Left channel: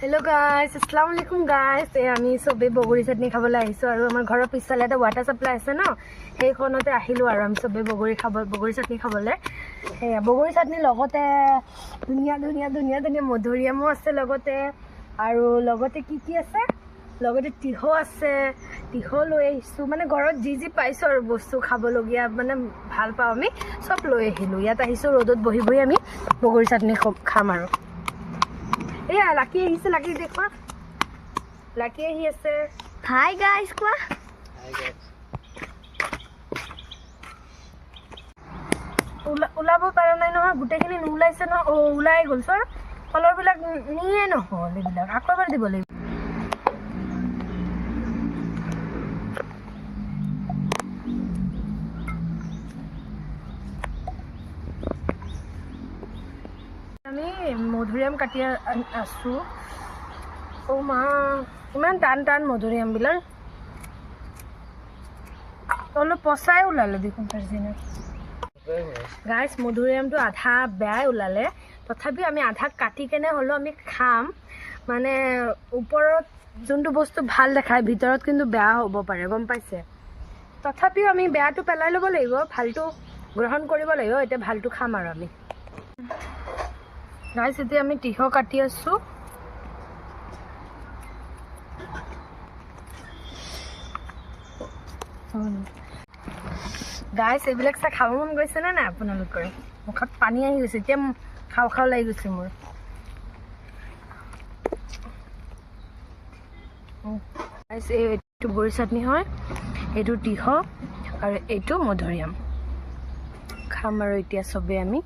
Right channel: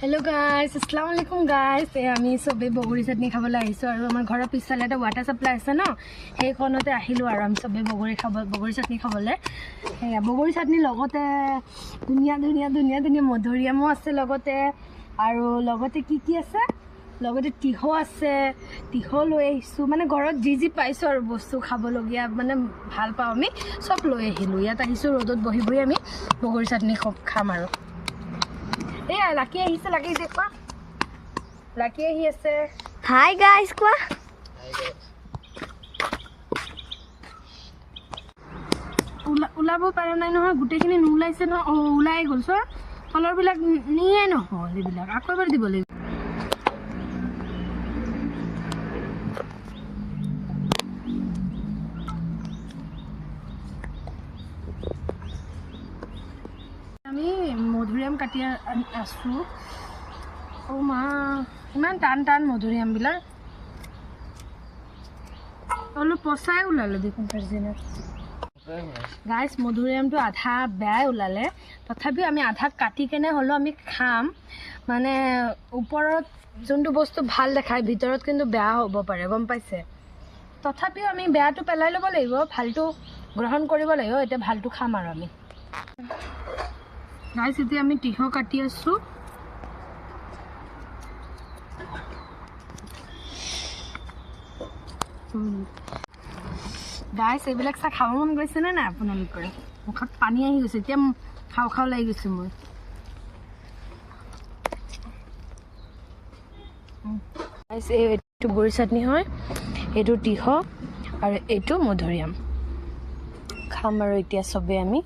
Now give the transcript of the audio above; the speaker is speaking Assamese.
Hello guys, assalamu alaikum guys. আমি সবে বগৰী চাটনি খাবলৈ আহিছো আৰু আমাৰ ঘৰৰ পিছফালে এটা ওয়াটাৰ সাপ্লাই আছে ন সেইখনতে আহিলো আৰু আমি সবে বগৰী চাটনি খাবলৈ হেয়া বগৰী চাটনি লগতে ধুনীয়া মধুৰিআমো আছে লগতে আৰু লগতে কি আছে লগতে তিহ আছে তিহ লৈ আহিছো মানে ঘৰত যি পাইছো আৰু বস্তু খাবলগীয়া মানে ভাল পাওঁ আমি সব লৈ আহিলো ইয়াত আহিছো ৰ'দত বহি আমি বগৰী চাটনি খাম আৰু Yeah, Lucky is Lucky is it? Lucky he is. Hi guys, kwa. Ulabo para na no gute kini nulai se no ulai gol so color bilak niye no holi bilak akko bar di bole আমি মধুৰিআম কাটি আছো ও মা ইমান টান মধুৰিআম বিলাক অলপ পচাই ওলালে দেখোন পাৰজিনা গাইস মধুৰিআমটো আধা বেয়া ওলালে তথাপি আমি আধা কাটি কেনে হলো আমি খাম মানে ওপৰত যোনটো বস্তু ভাল দেখায় ভিতৰত কিন্তু বেয়া হ'ব পাৰে গম পাইছে তথাপি আমি বেয়াটো পেলাই ল'ব লাগিব ভালটো গ্ৰহণ কৰিব লাগিব এটা ভালটো খাম আৰু আমি গাইস এতিয়া আমি তিহ কাটি আছো গাইস এইবিলাক চা খাব মন গৈছে না আপোনালোকৰ মুখত পানী আহি গৈছে এতিয়া খাও লাগি গৈছে মোৰ গাইস এইটো বগৰী চাটনি হয় এইটো তিহ আৰু এইটো মধুৰিআম খাম আৰু এতিয়া সবে আমি